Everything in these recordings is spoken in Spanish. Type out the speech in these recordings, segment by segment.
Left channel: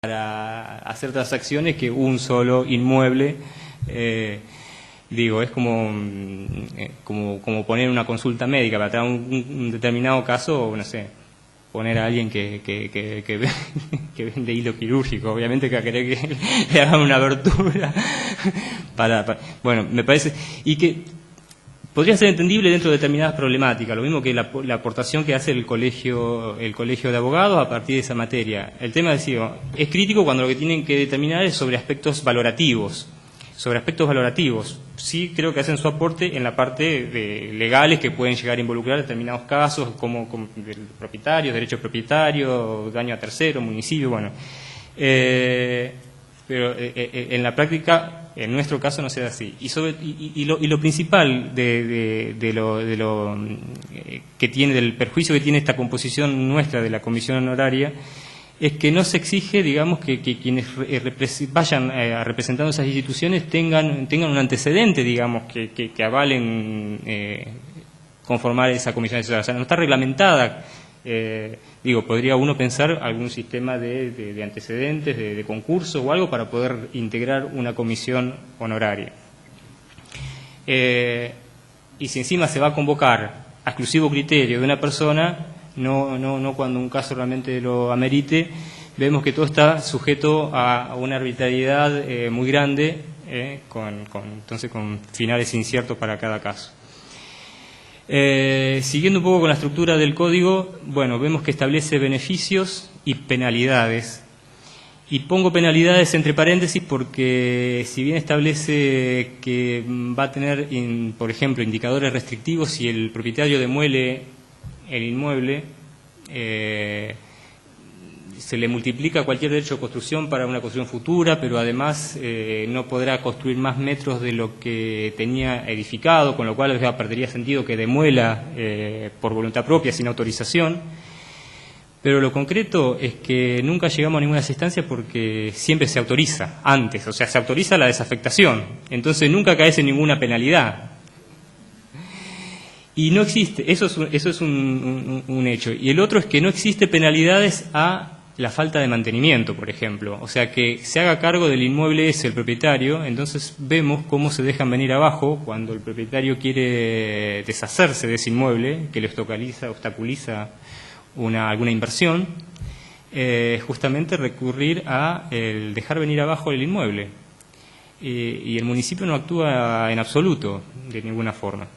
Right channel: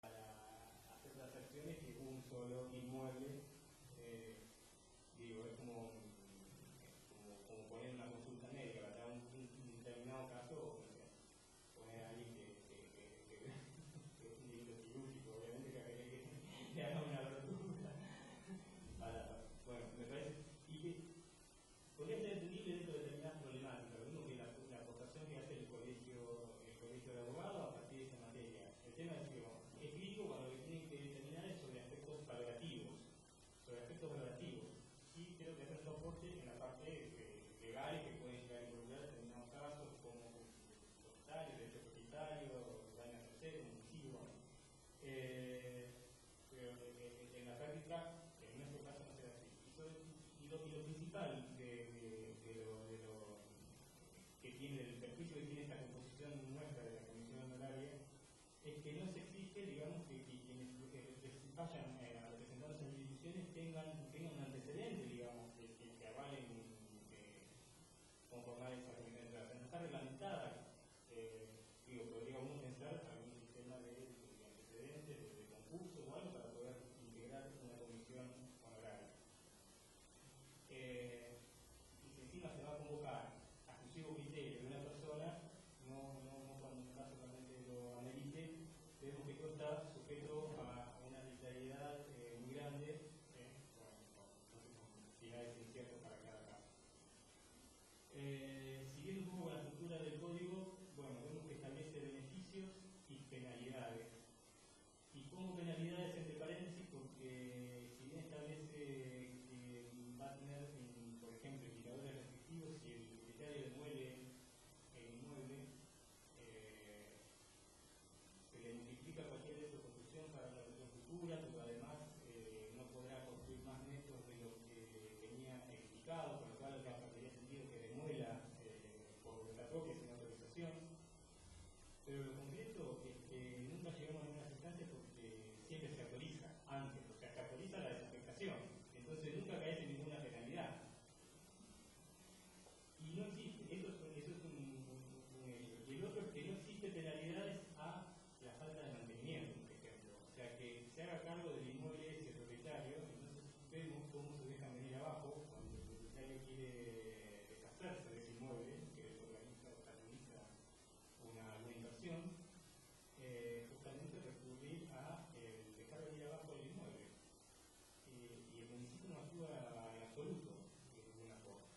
para hacer transacciones que un solo inmueble. Digo, es como poner una consulta médica para tratar un determinado caso, no sé, poner a alguien que vende hilo quirúrgico, obviamente que va a querer que le hagan una abertura. Bueno, me parece, y que podría ser entendible dentro de determinadas problemáticas, lo mismo que la aportación que hace el colegio de abogados a partir de esa materia. El tema es crítico cuando lo que tienen que determinar es sobre aspectos valorativos. Sí creo que hacen su aporte en la parte de legales que pueden llegar a involucrar determinados casos, como propietarios, derechos propietarios, daño a terceros, municipio, bueno. Pero en la práctica, en nuestro caso, no se da así. Y lo principal del perjuicio que tiene esta composición nuestra de la comisión honoraria es que no se exige, digamos, que quienes vayan representando esas instituciones tengan un antecedente, digamos, que avalen conformar esa comisión asesora. O sea, no está reglamentada. Podría uno pensar algún sistema de antecedentes, de concurso o algo para poder integrar una comisión honoraria. Y si encima se va a convocar a exclusivo criterio de una persona, no cuando un caso realmente lo amerite, vemos que todo está sujeto a una arbitrariedad muy grande, entonces con finales inciertos para cada caso. Siguiendo un poco con la estructura del código, bueno, vemos que establece beneficios y penalidades. Y pongo penalidades entre paréntesis porque si bien establece que va a tener, por ejemplo, indicadores restrictivos si el propietario demuele el inmueble, se le multiplica cualquier derecho de construcción para una construcción futura, pero además no podrá construir más metros de lo que tenía edificado, con lo cual ya perdería sentido que demuela por voluntad propia, sin autorización. Pero lo concreto es que nunca llegamos a ninguna instancia porque siempre se autoriza antes, o sea, se autoriza la desafectación, entonces nunca caes en ninguna penalidad. Y no existe, eso es un hecho. Y el otro es que no existe penalidades a la falta de mantenimiento, por ejemplo. O sea, que se haga cargo del inmueble ese el propietario, entonces vemos cómo se dejan venir abajo cuando el propietario quiere deshacerse de ese inmueble, que le obstaculiza alguna inversión, justamente recurrir a el dejar venir abajo el inmueble. Y el municipio no actúa en absoluto, de ninguna forma.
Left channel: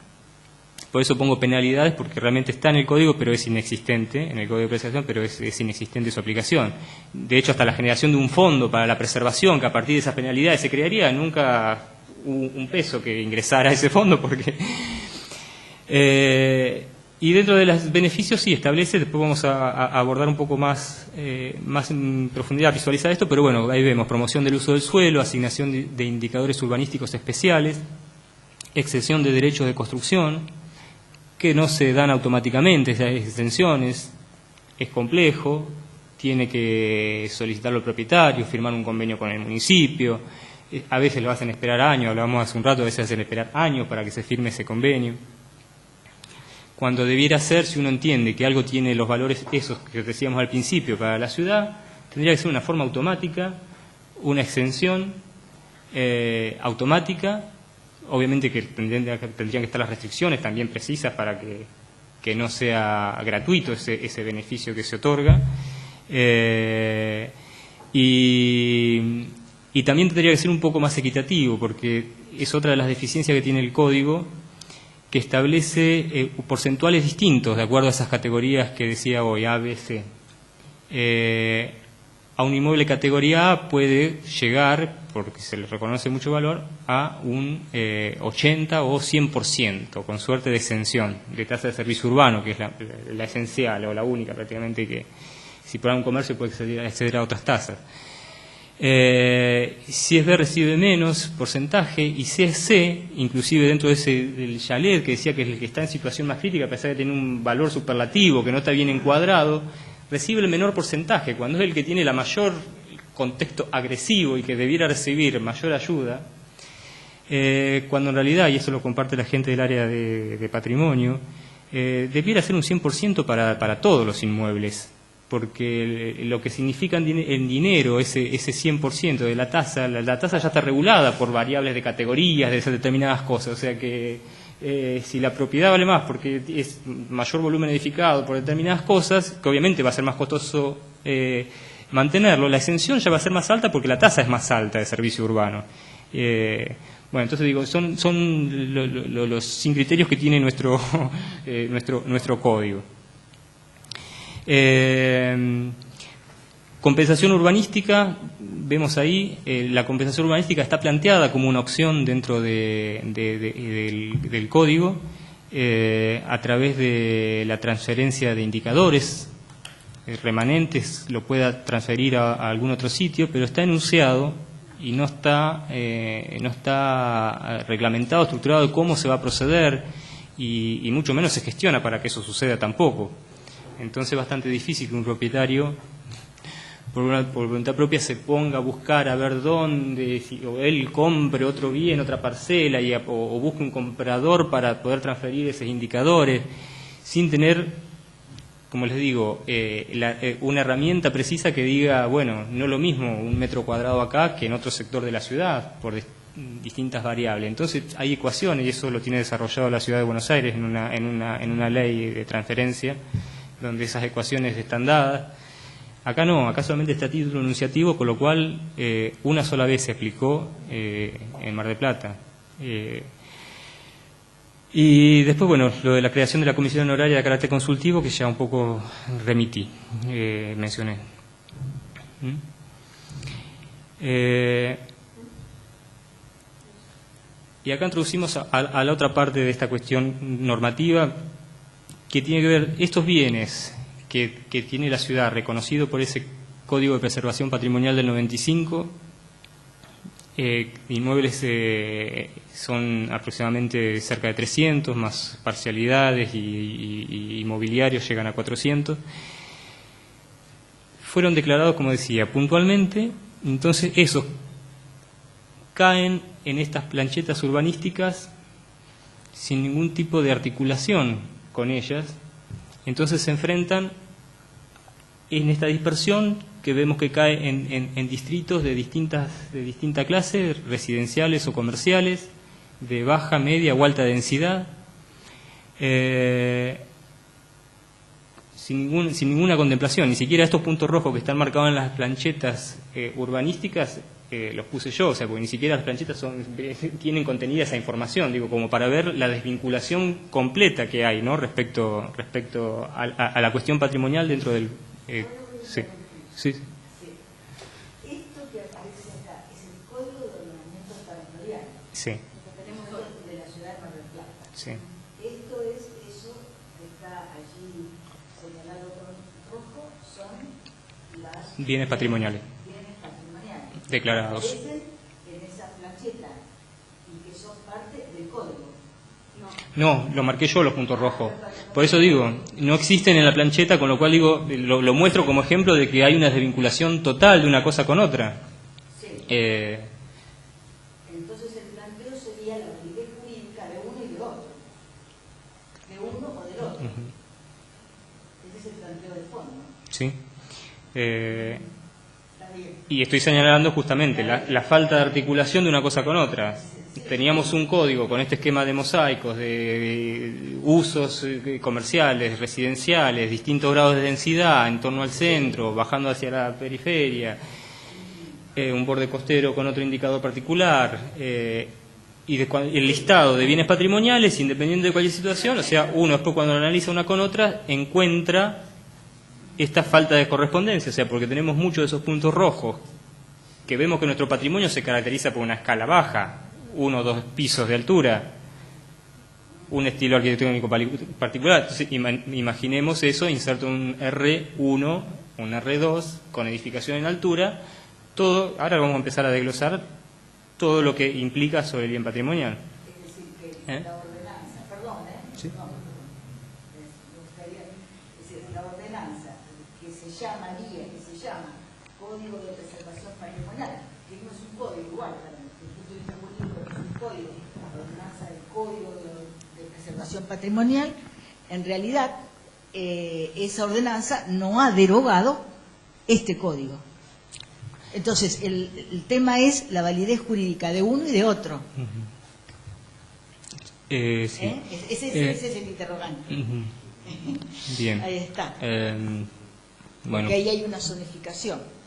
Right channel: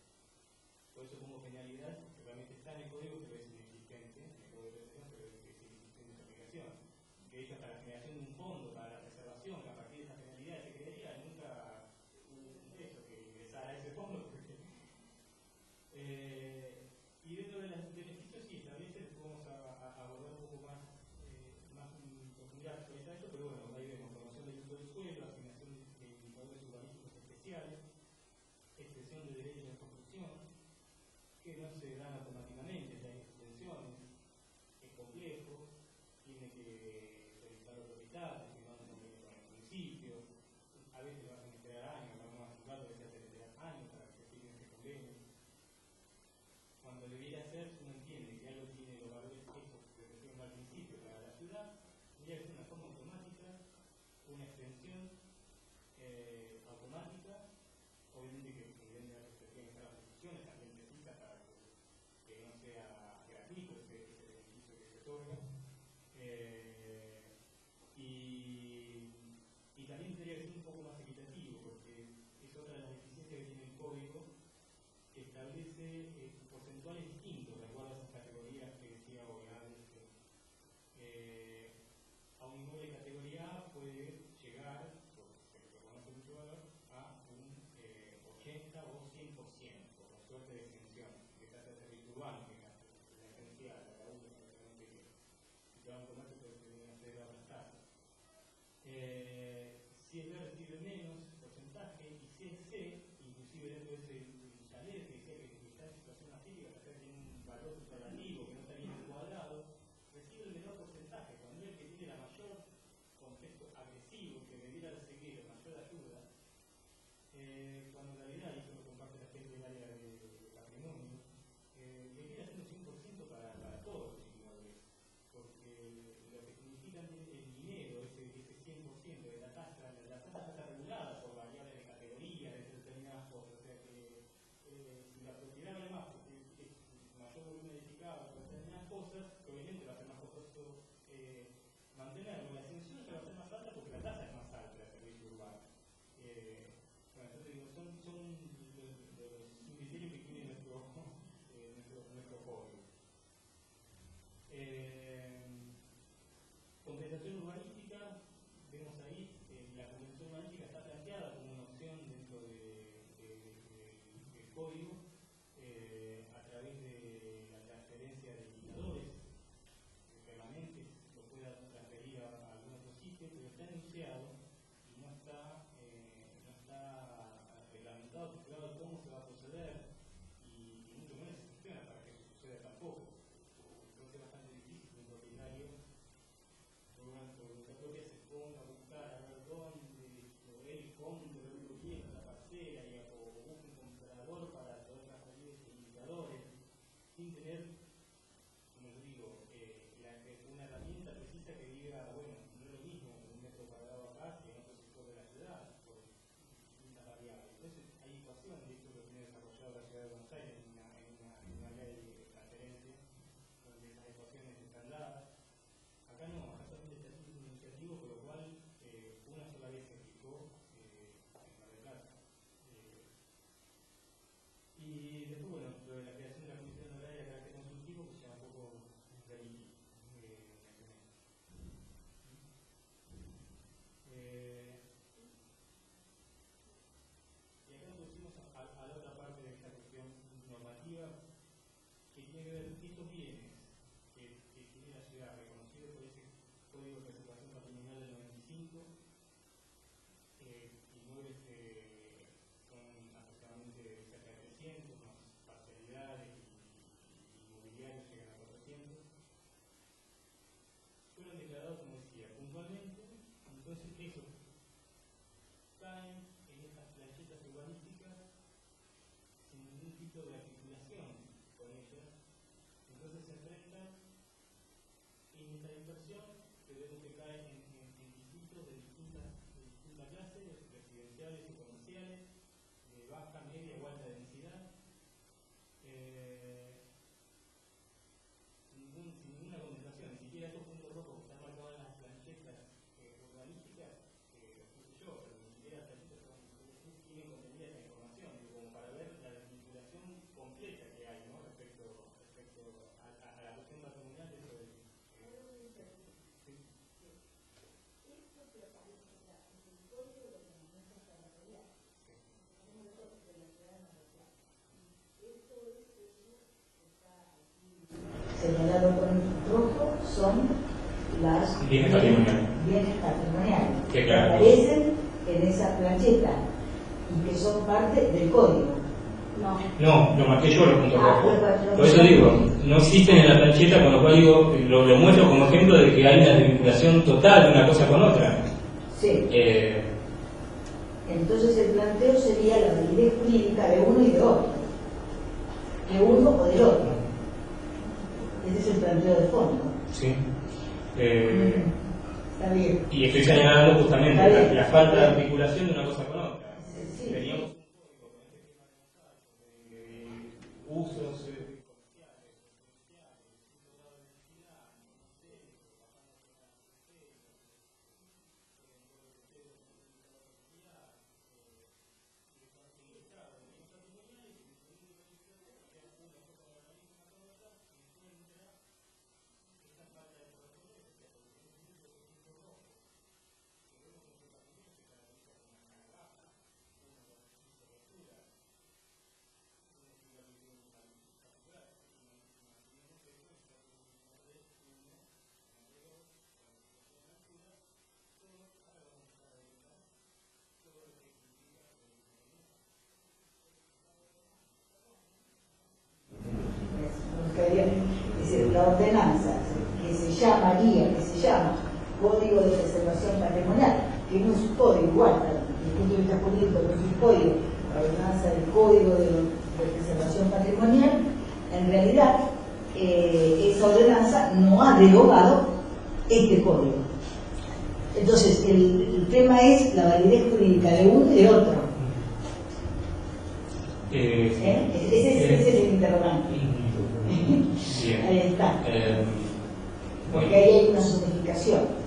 Por eso pongo penalidades, porque realmente está en el código, pero es inexistente, en el código de preservación, pero es inexistente su aplicación. De hecho, hasta la generación de un fondo para la preservación, que a partir de esas penalidades se crearía, nunca un peso que ingresara a ese fondo, porque... y dentro de los beneficios sí establece, después vamos a abordar un poco más en profundidad, visualizar esto, pero bueno, ahí vemos promoción del uso del suelo, asignación de indicadores urbanísticos especiales, exención de derechos de construcción, que no se dan automáticamente esas exenciones, es complejo, tiene que solicitarlo el propietario, firmar un convenio con el municipio, a veces lo hacen esperar años, hablábamos hace un rato, a veces hacen esperar años para que se firme ese convenio. Cuando debiera ser, si uno entiende que algo tiene los valores esos que decíamos al principio para la ciudad, tendría que ser una forma automática, una exención automática. Obviamente que tendrían que estar las restricciones también precisas para que no sea gratuito ese beneficio que se otorga. Y también tendría que ser un poco más equitativo, porque es otra de las deficiencias que tiene el código, que establece porcentuales distintos de acuerdo a esas categorías que decía hoy, A, B, C. A un inmueble categoría A puede llegar, porque se le reconoce mucho valor, a un 80 o 100%, con suerte de exención, de tasa de servicio urbano, que es la esencial o la única prácticamente, que si por un comercio puede acceder a otras tasas. Si es B recibe menos porcentaje, y si es C, inclusive dentro del chalet, que decía que es el que está en situación más crítica, a pesar de tener un valor superlativo, que no está bien encuadrado, recibe el menor porcentaje, cuando es el que tiene la mayor contexto agresivo y que debiera recibir mayor ayuda, cuando en realidad, y eso lo comparte la gente del área de patrimonio, debiera ser un 100% para todos los inmuebles, porque lo que significa en dinero ese 100% de la tasa ya está regulada por variables de categorías de esas determinadas cosas, o sea que si la propiedad vale más porque es mayor volumen edificado por determinadas cosas, que obviamente va a ser más costoso mantenerlo, la exención ya va a ser más alta porque la tasa es más alta de servicio urbano. Bueno, entonces digo, son los criterios que tiene nuestro código. Compensación urbanística, vemos ahí, la compensación urbanística está planteada como una opción dentro del código a través de la transferencia de indicadores remanentes, lo pueda transferir a algún otro sitio, pero está enunciado y no está reglamentado, estructurado de cómo se va a proceder y mucho menos se gestiona para que eso suceda tampoco. Entonces es bastante difícil que un propietario, por voluntad propia, se ponga a buscar a ver dónde, o él compre otro bien, otra parcela, o busque un comprador para poder transferir esos indicadores, sin tener, como les digo, una herramienta precisa que diga, bueno, no lo mismo un metro cuadrado acá que en otro sector de la ciudad, por distintas variables. Entonces hay ecuaciones, y eso lo tiene desarrollado la Ciudad de Buenos Aires en una ley de transferencia, donde esas ecuaciones están dadas. Acá no, acá solamente está a título enunciativo, con lo cual una sola vez se aplicó en Mar del Plata. Y después, bueno, lo de la creación de la comisión honoraria de carácter consultivo, que ya un poco mencioné. Y acá introducimos a la otra parte de esta cuestión normativa, que tiene que ver estos bienes que tiene la ciudad reconocido por ese Código de Preservación Patrimonial del 95, inmuebles son aproximadamente cerca de 300, más parcialidades y inmobiliarios llegan a 400, fueron declarados, como decía, puntualmente. Entonces esos caen en estas planchetas urbanísticas sin ningún tipo de articulación con ellas, entonces se enfrentan en esta dispersión que vemos que cae en distritos de distinta clase, residenciales o comerciales, de baja, media o alta densidad, sin ninguna contemplación. Ni siquiera estos puntos rojos que están marcados en las planchetas urbanísticas los puse yo, o sea, porque ni siquiera las planchetas tienen contenida esa información, digo, como para ver la desvinculación completa que hay, ¿no?, respecto a la cuestión patrimonial dentro del... sí. Esto que aparece acá es el Código de Ordenamiento Territorial. Sí. Que tenemos de la ciudad de Mar del Plata. Sí. Esto es eso que está allí señalado con rojo, son las bienes patrimoniales. Bienes patrimoniales. Declarados. Que aparecen en esa plancheta y que son parte del código. No, lo marqué yo los puntos rojos. Por eso digo, no existen en la plancheta, con lo cual digo, lo muestro como ejemplo de que hay una desvinculación total de una cosa con otra. Sí. Entonces el planteo sería la validez jurídica de uno y de otro. De uno o del otro. Ese es el planteo de fondo. Sí. Está bien. Y estoy señalando justamente la falta de articulación de una cosa con otra. Teníamos un código con este esquema de mosaicos, de usos comerciales, residenciales, distintos grados de densidad en torno al centro, bajando hacia la periferia, un borde costero con otro indicador particular, y el listado de bienes patrimoniales, independiente de cualquier situación. O sea, uno después, cuando lo analiza una con otra, encuentra esta falta de correspondencia, o sea, porque tenemos muchos de esos puntos rojos, que vemos que nuestro patrimonio se caracteriza por una escala baja, 1 o 2 pisos de altura, un estilo arquitectónico particular. Entonces, imaginemos eso, inserto un R1, un R2, con edificación en altura, todo. Ahora vamos a empezar a desglosar todo lo que implica sobre el bien patrimonial. Es decir, que la ordenanza, perdón, ¿Sí? No, es decir, la ordenanza que se llama Código de Preservación Patrimonial, que no es un código igual, desde el punto de vista jurídico no es un código, la ordenanza del Código de Preservación Patrimonial, en realidad esa ordenanza no ha derogado este código. Entonces, el tema es la validez jurídica de uno y de otro. Sí. Ese es el interrogante. Bien. Ahí está. Bueno. Porque ahí hay una zonificación.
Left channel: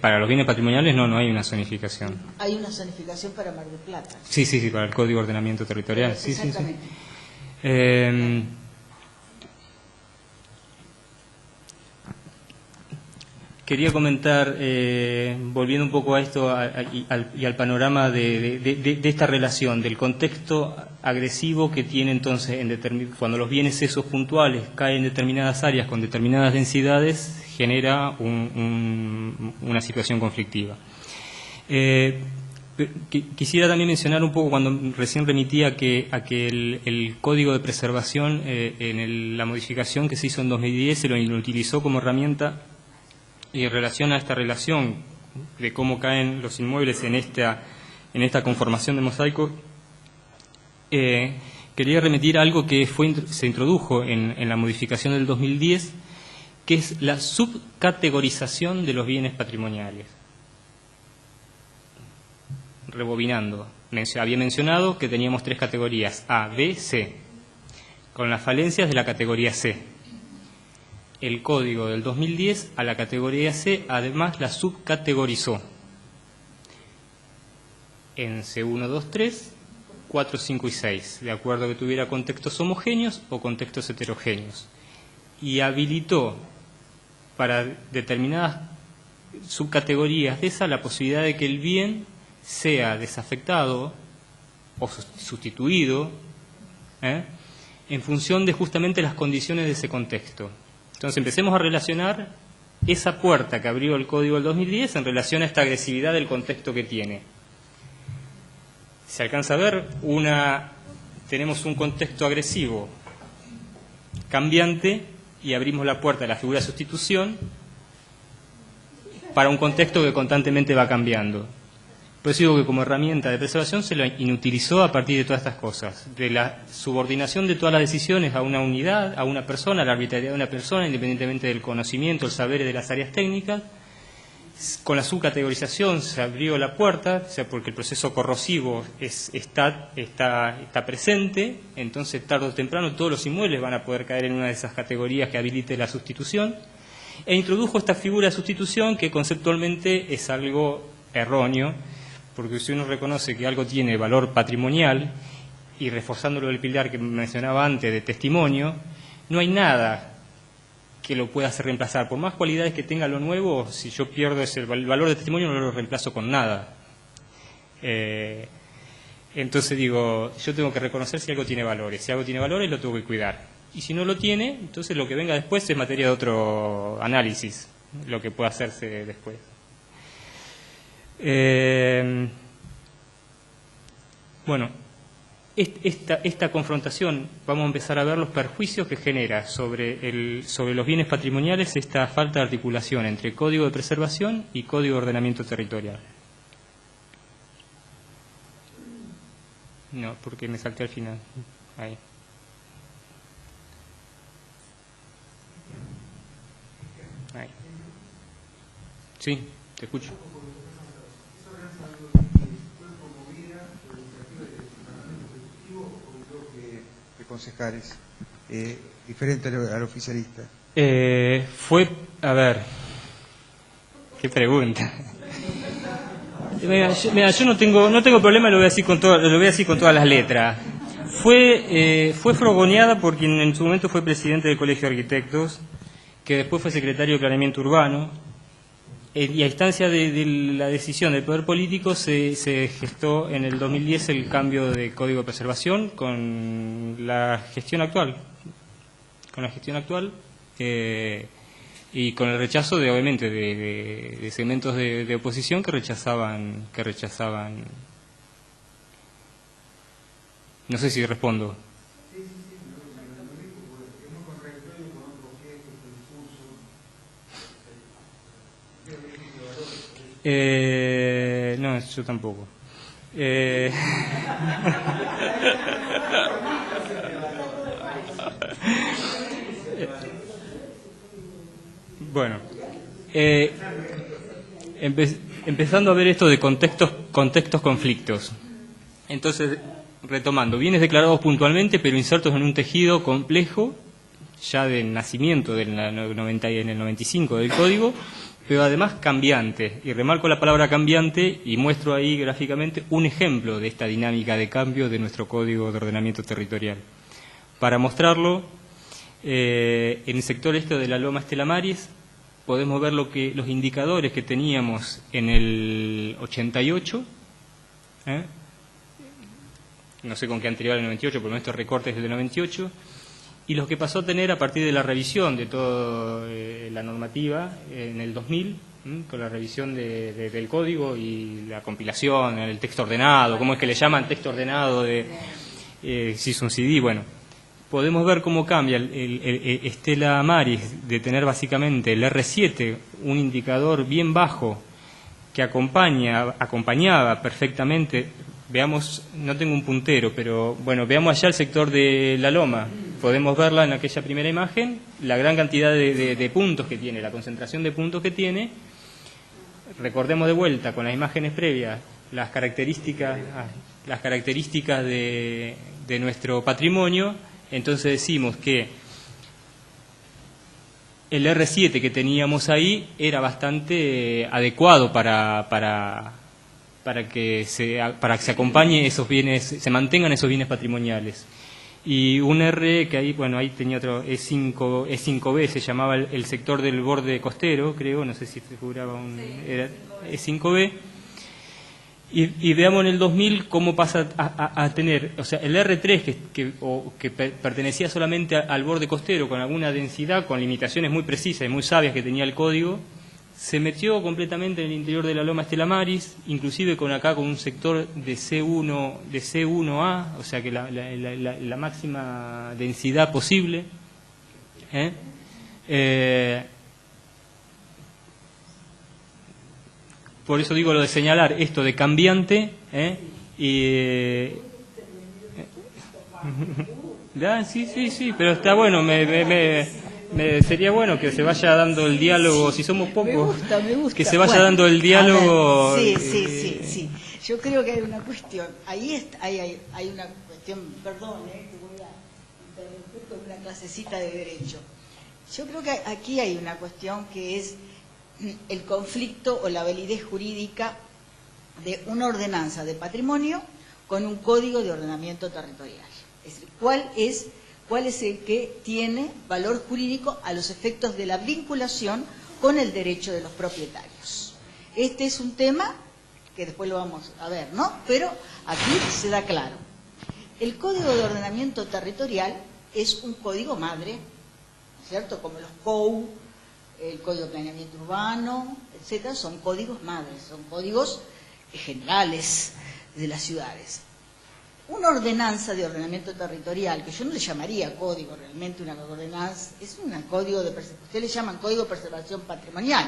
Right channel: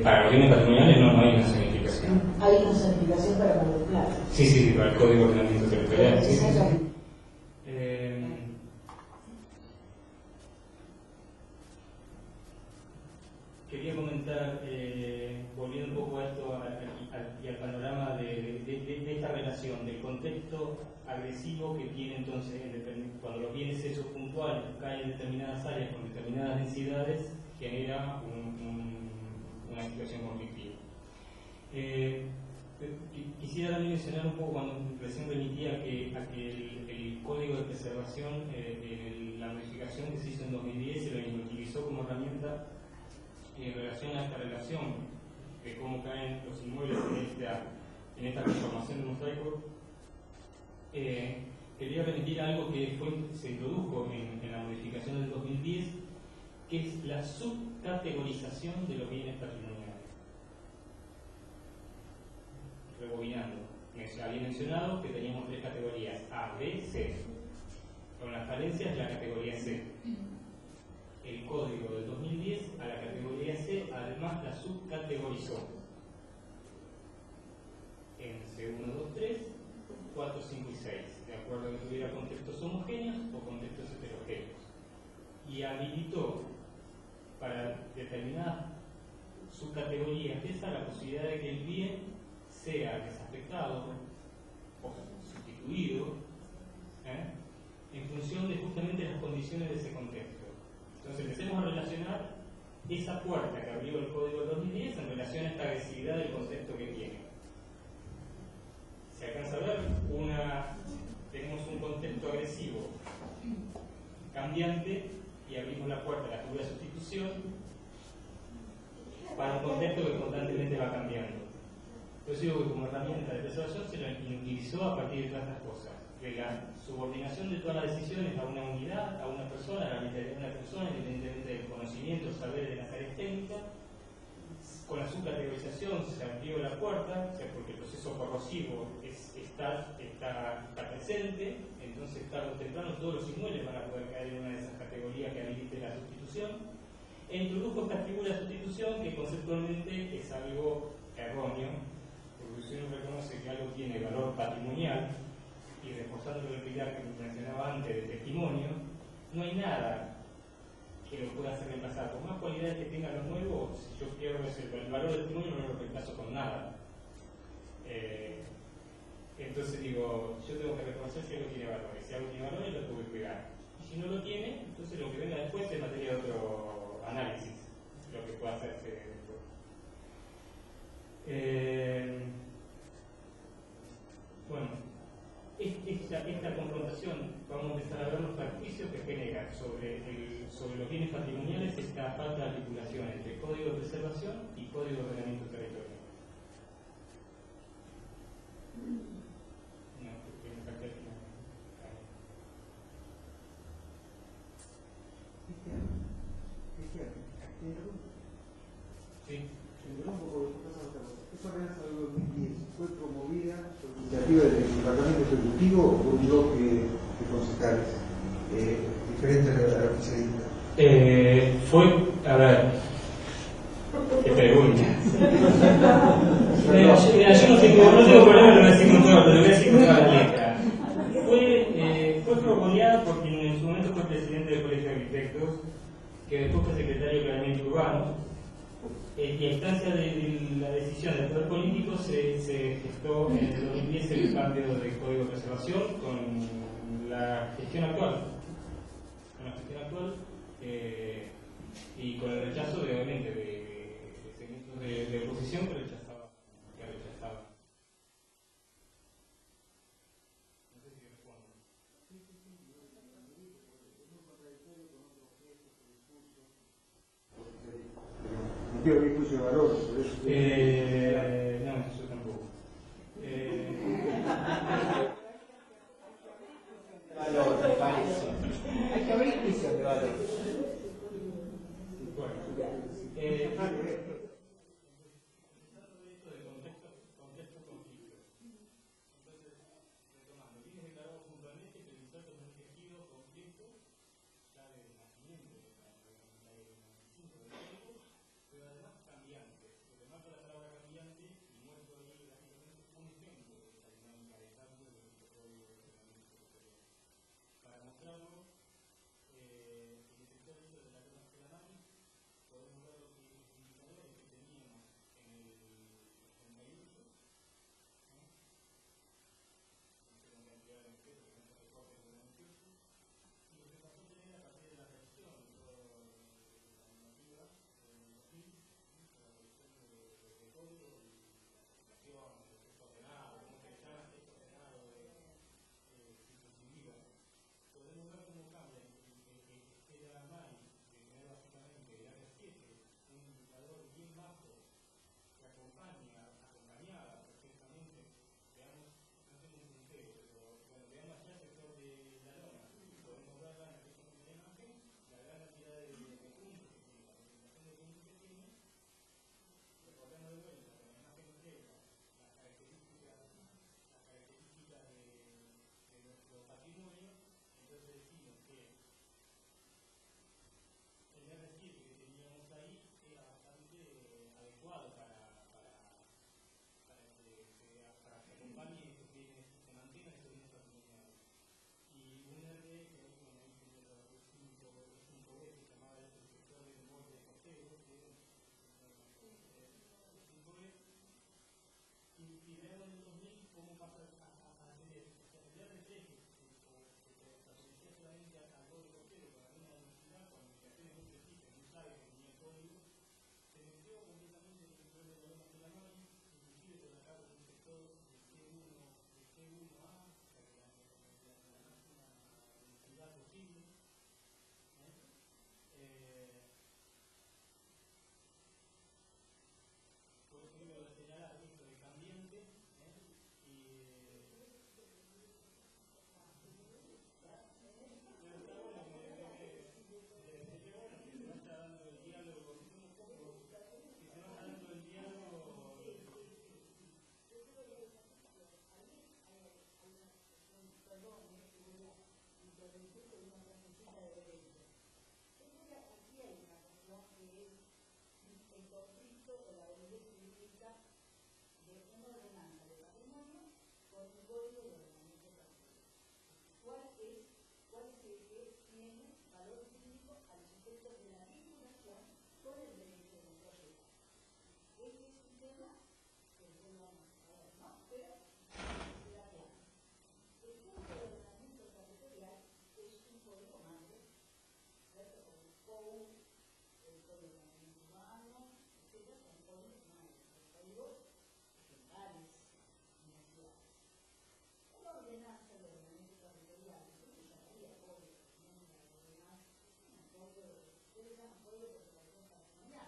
Para los bienes patrimoniales no hay una zonificación. Hay una zonificación para Mar del Plata. Sí, para el Código de Ordenamiento Territorial. Sí. Quería comentar, volviendo un poco a esto y al panorama de esta relación, del contexto agresivo que tiene entonces cuando los bienes esos puntuales caen en determinadas áreas con determinadas densidades, genera una situación conflictiva. Quisiera también mencionar un poco, cuando recién remití a que el Código de Preservación, en la modificación que se hizo en 2010, se lo utilizó como herramienta. Y en relación a esta relación de cómo caen los inmuebles en esta conformación de mosaico, quería remitir a algo que se introdujo en la modificación del 2010, que es la subcategorización de los bienes patrimoniales. Rebobinando, había mencionado que teníamos 3 categorías, A, B, C, con las falencias de la categoría C. El código del 2010 a la categoría C además la subcategorizó en C1, 2, 3, 4, 5 y 6, de acuerdo a que tuviera contextos homogéneos o contextos heterogéneos, y habilitó para determinadas subcategorías de esa la posibilidad de que el bien sea desafectado o sustituido en función de justamente las condiciones de ese contexto. Entonces empecemos a relacionar esa puerta que abrió el Código del 2010 en relación a esta agresividad del contexto que tiene. Se alcanza a ver, tenemos un contexto agresivo cambiante y abrimos la puerta de la figura de sustitución para un contexto que constantemente va cambiando. Por eso digo que como herramienta de preservación se lo inutilizó a partir de todas estas cosas, de la subordinación de todas las decisiones a una unidad, a una persona, a la arbitrariedad de una persona, independientemente del conocimiento, el saber de las áreas técnicas. Con la subcategorización se abrió la puerta, o sea, porque el proceso corrosivo está presente, entonces tarde o temprano todos los inmuebles van a poder caer en una de esas categorías que habilite la sustitución, e introdujo esta figura de sustitución que conceptualmente es algo erróneo, porque si uno reconoce que algo tiene valor patrimonial, y reforzándolo del pilar que mencionaba antes de testimonio, no hay nada que lo pueda hacer reemplazar. Por más cualidades que tenga lo nuevo, si yo pierdo el valor de testimonio, no lo reemplazo con nada. Entonces digo, yo tengo que reconocer si algo tiene valores. Si algo tiene valores, lo tengo que cuidar. Y si no lo tiene, entonces lo que venga después es materia de otro análisis, lo que pueda hacerse después. Bueno, esta confrontación, vamos a empezar a ver los perjuicios que genera sobre los bienes patrimoniales esta falta de articulación entre Código de Preservación y Código de Ordenamiento Territorial. No, porque me salté al final. Ahí. Ahí. Sí, te escucho. ¿Fue promovida por iniciativa del Departamento Ejecutivo por un bloque de concejales diferente al oficialista? A ver, qué pregunta. Mira, yo no tengo problema, lo voy a decir con todas las letras. Fue fogoneada por quien en su momento fue presidente del Colegio de Arquitectos, que después fue secretario de Planeamiento Urbano. Y a instancia de la decisión del poder político se gestó en el 2010 el cambio de Código de Preservación con la gestión actual. Y con el rechazo obviamente de segmentos de oposición que rechazaban. No sé si respondo. No, yo tampoco. Bueno, empezando a ver esto de contextos, conflictos. Entonces, retomando, bienes declarados puntualmente, pero insertos en un tejido complejo, ya del nacimiento en el 95 del Código, pero además cambiante. Y remarco la palabra cambiante y muestro ahí gráficamente un ejemplo de esta dinámica de cambio de nuestro Código de Ordenamiento Territorial. Para mostrarlo, en el sector este de la Loma Estela Maris, podemos ver los indicadores que teníamos en el 88, no sé con qué anterior al 98, por estos recortes del 98, y los que pasó a tener a partir de la revisión de toda la normativa en el 2000, con la revisión del código y la compilación, el texto ordenado, cómo es que le llaman texto ordenado, si es un CD, bueno. Podemos ver cómo cambia el Estela Maris de tener básicamente el R7, un indicador bien bajo que acompañaba perfectamente. Veamos, no tengo un puntero, pero bueno, veamos allá el sector de la Loma. Podemos verla en aquella primera imagen, la gran cantidad de puntos que tiene, la concentración de puntos que tiene. Recordemos de vuelta con las imágenes previas las características de nuestro patrimonio. Entonces decimos que el R7 que teníamos ahí era bastante adecuado para que se acompañe esos bienes, se mantengan esos bienes patrimoniales. Y un R que ahí, bueno, ahí tenía otro, E5B, se llamaba el sector del borde costero, creo, no sé si figuraba era E5B. Y veamos en el 2000 cómo pasa a tener, o sea, el R3 que pertenecía solamente al borde costero con alguna densidad, con limitaciones muy precisas y muy sabias que tenía el código, se metió completamente en el interior de la Loma Estela Maris, inclusive con un sector de C1A, o sea que la máxima densidad posible. Por eso digo lo de señalar esto de cambiante, sí, pero está bueno, sería bueno que se vaya dando el diálogo, si somos pocos, me gusta. Que se vaya dando el diálogo. Sí. Yo creo que hay una cuestión, hay una cuestión, perdón, que voy a interrumpir con una clasecita de derecho. Yo creo que aquí hay una cuestión que es el conflicto o la validez jurídica de una ordenanza de patrimonio con un código de ordenamiento territorial. Es decir, ¿cuál es el que tiene valor jurídico a los efectos de la vinculación con el derecho de los propietarios? Este es un tema que después lo vamos a ver, ¿no? Pero aquí se da claro. El Código de Ordenamiento Territorial es un código madre, ¿cierto? Como los COU, el Código de Planeamiento Urbano, etcétera, son códigos madres, son códigos generales de las ciudades. Una ordenanza de ordenamiento territorial, que yo no le llamaría código, realmente una ordenanza, es un código de preservación, ustedes le llaman código de preservación patrimonial,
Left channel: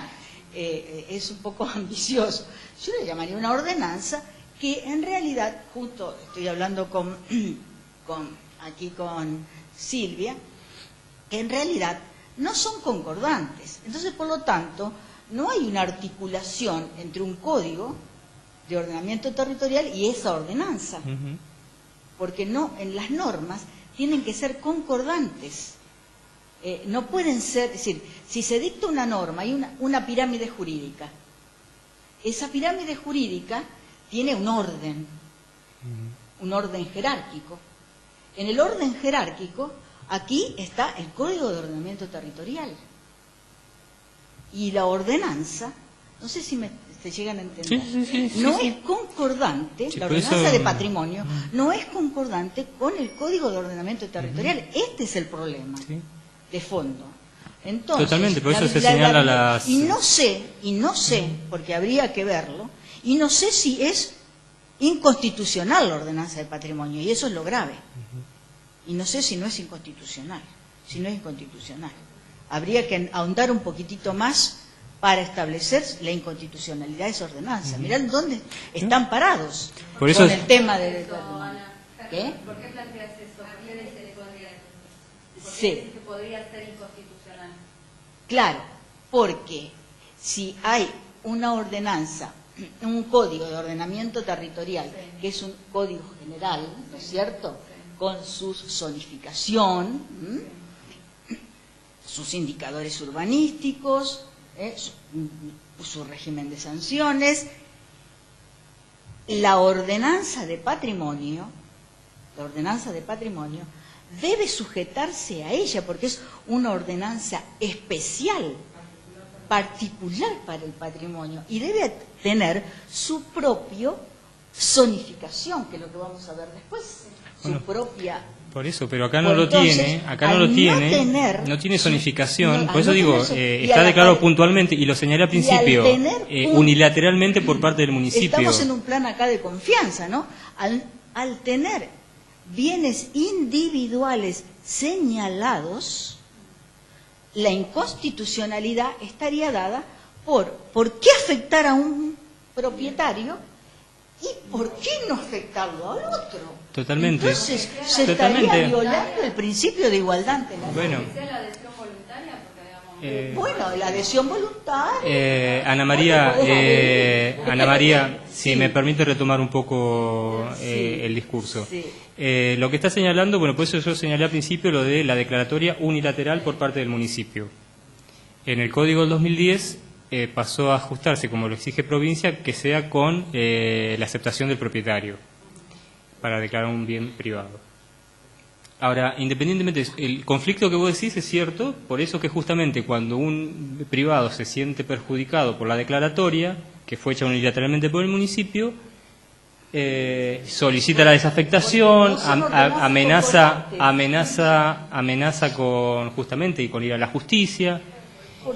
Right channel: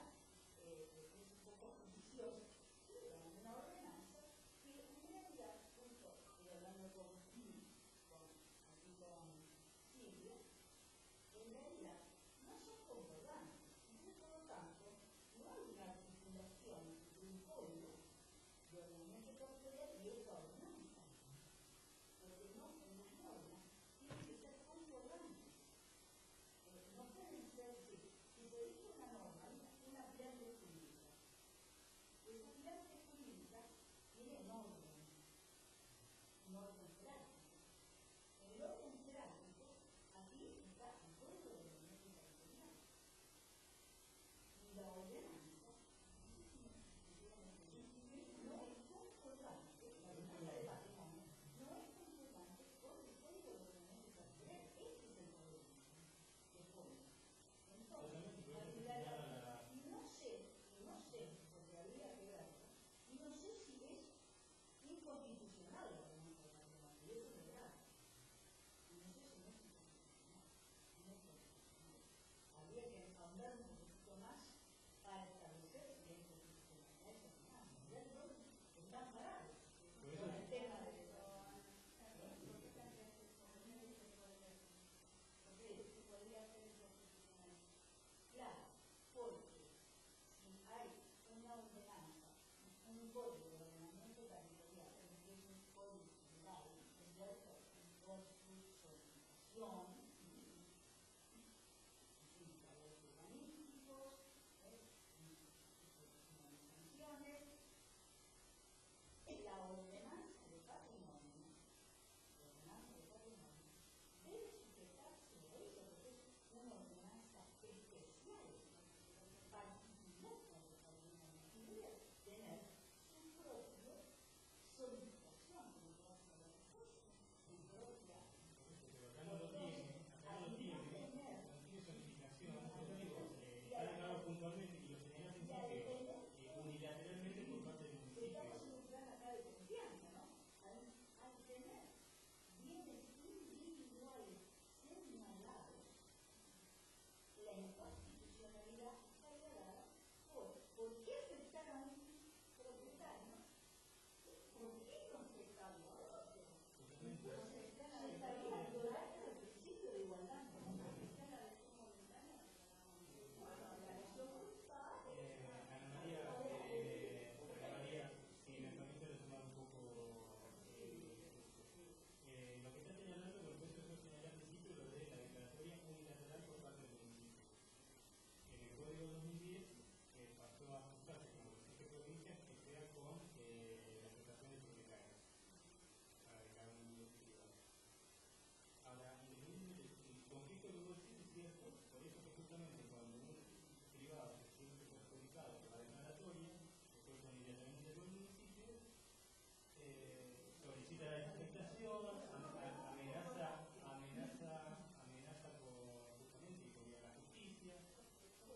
es un poco ambicioso. Yo le llamaría una ordenanza que en realidad, justo estoy hablando con Silvia, que en realidad no son concordantes. Entonces, por lo tanto, no hay una articulación entre un código de ordenamiento territorial y esa ordenanza. Porque no, en las normas tienen que ser concordantes. No pueden ser, es decir, si se dicta una norma, hay una pirámide jurídica. Esa pirámide jurídica tiene un orden jerárquico. En el orden jerárquico, aquí está el Código de Ordenamiento Territorial. Y la ordenanza, no sé si se llegan a entender, no es concordante, la ordenanza de patrimonio no es concordante con el Código de Ordenamiento Territorial. Este es el problema de fondo. Entonces, totalmente, por eso se señala las... Y no sé, porque habría que verlo, y no sé si es inconstitucional la ordenanza de patrimonio, y eso es lo grave. Y no sé si no es inconstitucional, Habría que ahondar un poquitito más para establecer la inconstitucionalidad de esa ordenanza. Mirá dónde están parados Por eso con el tema del patrimonio. ¿Qué? ¿Por qué planteas eso? ¿Por qué dice que podría, Sí. que podría ser inconstitucional? Claro, porque si hay una ordenanza, un código de ordenamiento territorial, que es un código general, ¿no es cierto?, con su zonificación, sus indicadores urbanísticos, su régimen de sanciones, la ordenanza de patrimonio debe sujetarse a ella, porque es una ordenanza especial, particular para el patrimonio, y debe tener su propia zonificación, que es lo que vamos a ver después, su propia... Por eso, pero acá no lo Entonces, tiene, no tiene zonificación, por eso digo, está declarado puntualmente, y lo señalé al principio, unilateralmente por parte del municipio. Estamos en un plan acá de confianza, ¿no? Al tener bienes individuales señalados, la inconstitucionalidad estaría dada por qué afectar a un propietario y por qué no afectarlo al otro. Totalmente. Entonces, se estaría violando el principio de igualdad ante la ley. Bueno. ¿Que sea la adhesión voluntaria? Porque, digamos, Bueno, la adhesión voluntaria. Ana María, si me permite retomar un poco el discurso. Sí. Lo que está señalando, bueno, por eso yo señalé al principio lo de la declaratoria unilateral por parte del municipio. En el Código del 2010 pasó a ajustarse, como lo exige provincia, que sea con la aceptación del propietario para declarar un bien privado. Ahora, independientemente, el conflicto que vos decís es cierto, por eso que justamente cuando un privado se siente perjudicado por la declaratoria, que fue hecha unilateralmente por el municipio, solicita la desafectación, amenaza con justamente y con ir a la justicia,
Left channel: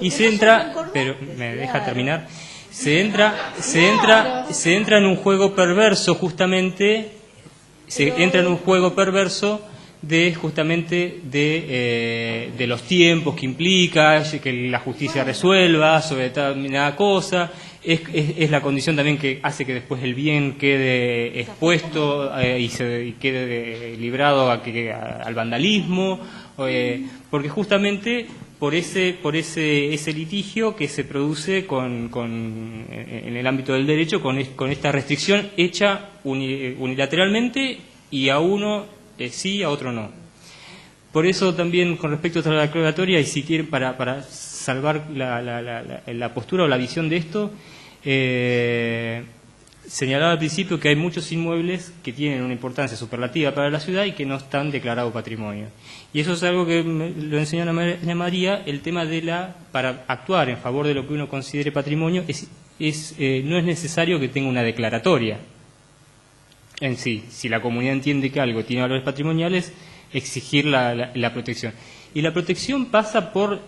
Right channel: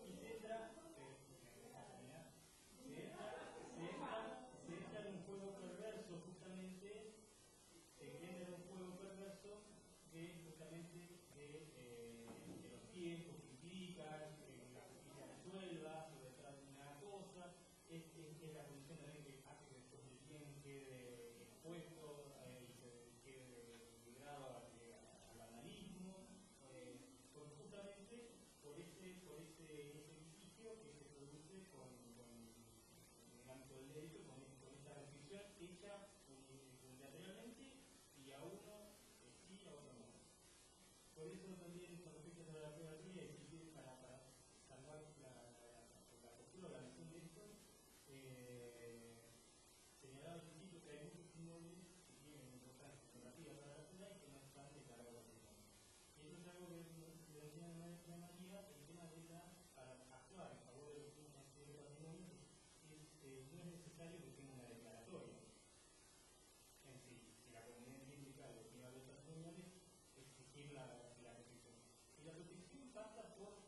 y se entra, pero me deja terminar, se entra en un juego perverso justamente. Se entra en un juego perverso de justamente de los tiempos que implica, que la justicia resuelva sobre determinada cosa, es la condición también que hace que después el bien quede expuesto y quede librado al vandalismo, porque justamente por ese litigio que se produce en el ámbito del derecho con esta restricción hecha unilateralmente, y a uno sí, a otro no. Por eso también con respecto a la declaratoria, y si quieren para salvar la postura o la visión de esto, señalaba al principio que hay muchos inmuebles que tienen una importancia superlativa para la ciudad y que no están declarados patrimonio. Y eso es algo que lo enseñó Ana María, el tema para actuar en favor de lo que uno considere patrimonio, no es necesario que tenga una declaratoria en sí. Si la comunidad entiende que algo tiene valores patrimoniales, exigir la protección. Y la protección pasa por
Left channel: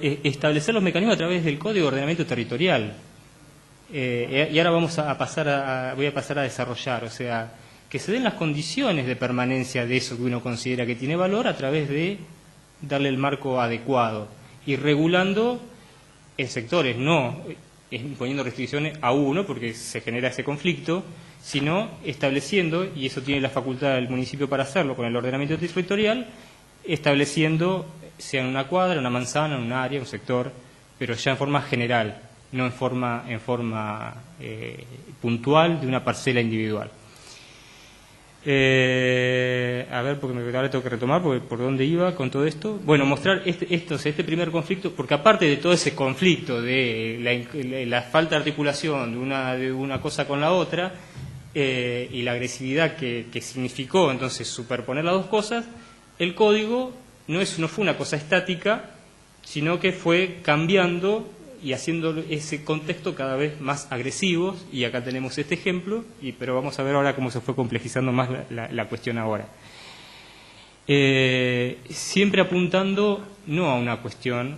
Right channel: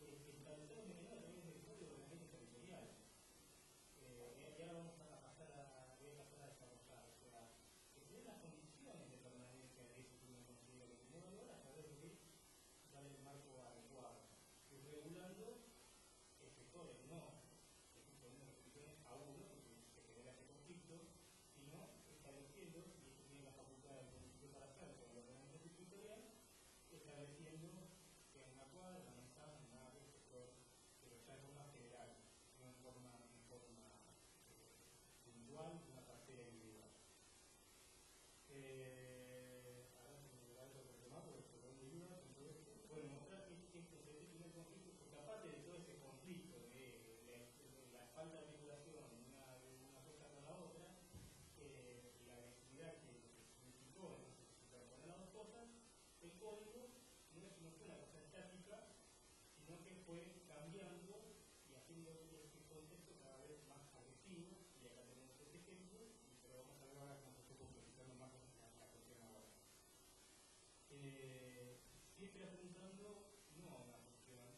establecer los mecanismos a través del Código de Ordenamiento Territorial. Y ahora voy a pasar a desarrollar, o sea, que se den las condiciones de permanencia de eso que uno considera que tiene valor a través de darle el marco adecuado y regulando en sectores, no imponiendo restricciones a uno porque se genera ese conflicto, sino estableciendo, y eso tiene la facultad del municipio para hacerlo con el ordenamiento territorial, estableciendo, sea en una cuadra, una manzana, un área, un sector, pero ya en forma general, no en forma puntual de una parcela individual. A ver, porque ahora tengo que retomar, porque por dónde iba con todo esto. Bueno, mostrar este primer conflicto, porque aparte de todo ese conflicto de la falta de articulación de una cosa con la otra, y la agresividad que significó entonces superponer las dos cosas, el código no fue una cosa estática, sino que fue cambiando y haciendo ese contexto cada vez más agresivo, y acá tenemos este ejemplo, pero vamos a ver ahora cómo se fue complejizando más la cuestión ahora. Siempre apuntando no a una cuestión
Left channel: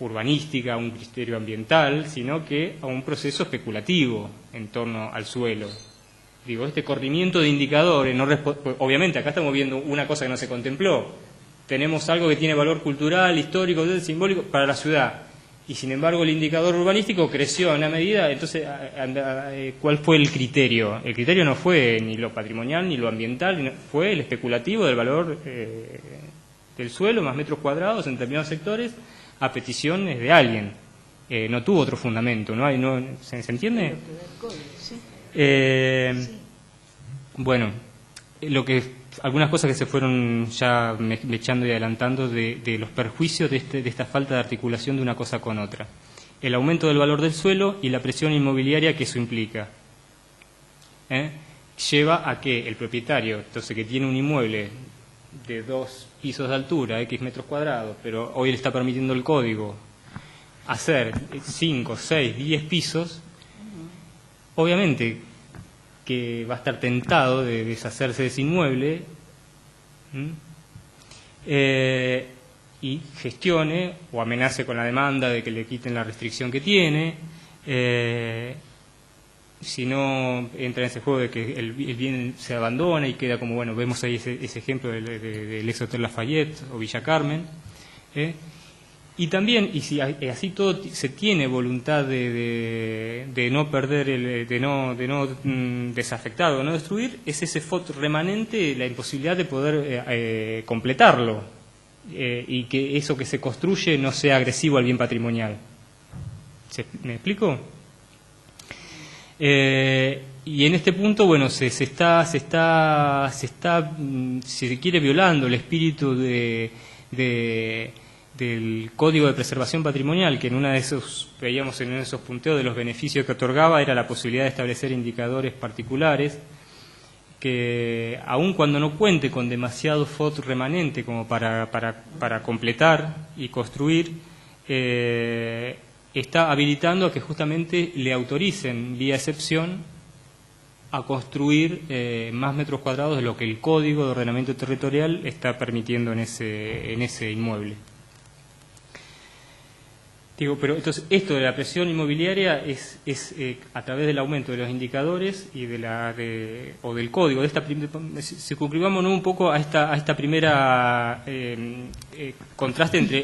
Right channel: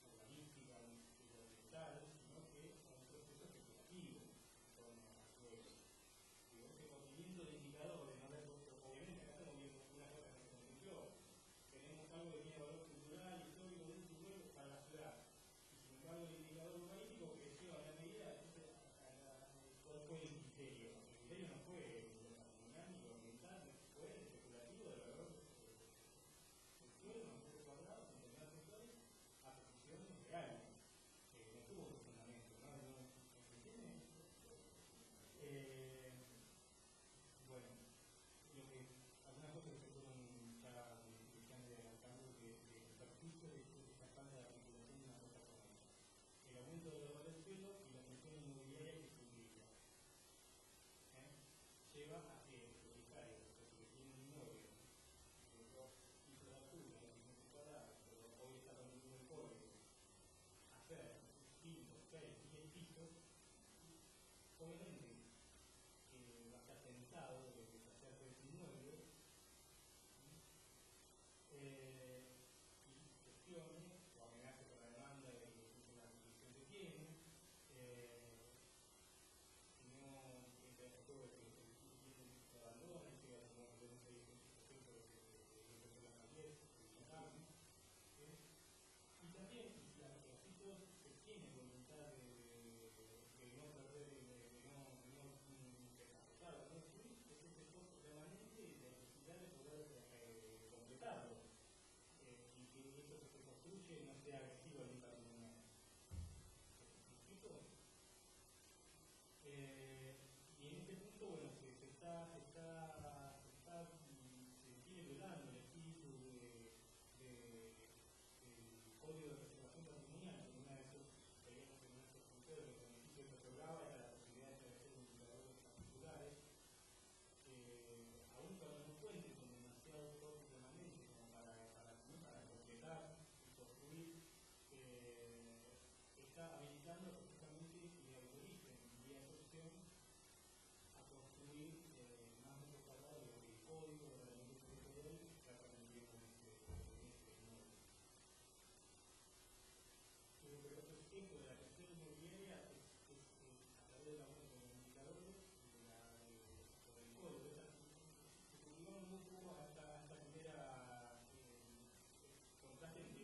urbanística, a un criterio ambiental, sino que a un proceso especulativo en torno al suelo. Digo, este corrimiento de indicadores, obviamente acá estamos viendo una cosa que no se contempló. Tenemos algo que tiene valor cultural, histórico, simbólico para la ciudad. Y sin embargo el indicador urbanístico creció en una medida. Entonces, ¿cuál fue el criterio? El criterio no fue ni lo patrimonial ni lo ambiental, fue el especulativo del valor del suelo más metros cuadrados en determinados sectores a peticiones de alguien. No tuvo otro fundamento, ¿se entiende? Bueno, algunas cosas que se fueron ya echando y adelantando de los perjuicios de esta falta de articulación de una cosa con otra. El aumento del valor del suelo y la presión inmobiliaria que eso implica. Lleva a que el propietario, entonces, que tiene un inmueble de 2 pisos de altura, X metros cuadrados, pero hoy le está permitiendo el código hacer 5, 6, 10 pisos, obviamente que va a estar tentado de deshacerse de ese inmueble y gestione o amenace con la demanda de que le quiten la restricción que tiene. Si no, entra en ese juego de que el bien se abandona y queda como, bueno, vemos ahí ese ejemplo del ex Hotel Lafayette o Villa Carmen. Y también, y si así todo se tiene voluntad de no perder, de no desafectar o no destruir, es ese FOT remanente, la imposibilidad de poder completarlo y que eso que se construye no sea agresivo al bien patrimonial. ¿Me explico? Y en este punto, bueno, se está, si se quiere, violando el espíritu del Código de Preservación Patrimonial, que en una de esos, veíamos en esos punteos de los beneficios que otorgaba, era la posibilidad de establecer indicadores particulares que, aun cuando no cuente con demasiado FOT remanente como para completar y construir, está habilitando a que justamente le autoricen, vía excepción, a construir más metros cuadrados de lo que el Código de Ordenamiento Territorial está permitiendo en ese inmueble. Digo, pero entonces esto de la presión inmobiliaria es a través del aumento de los indicadores y o del código. Circunscribámonos un poco a esta primera contraste entre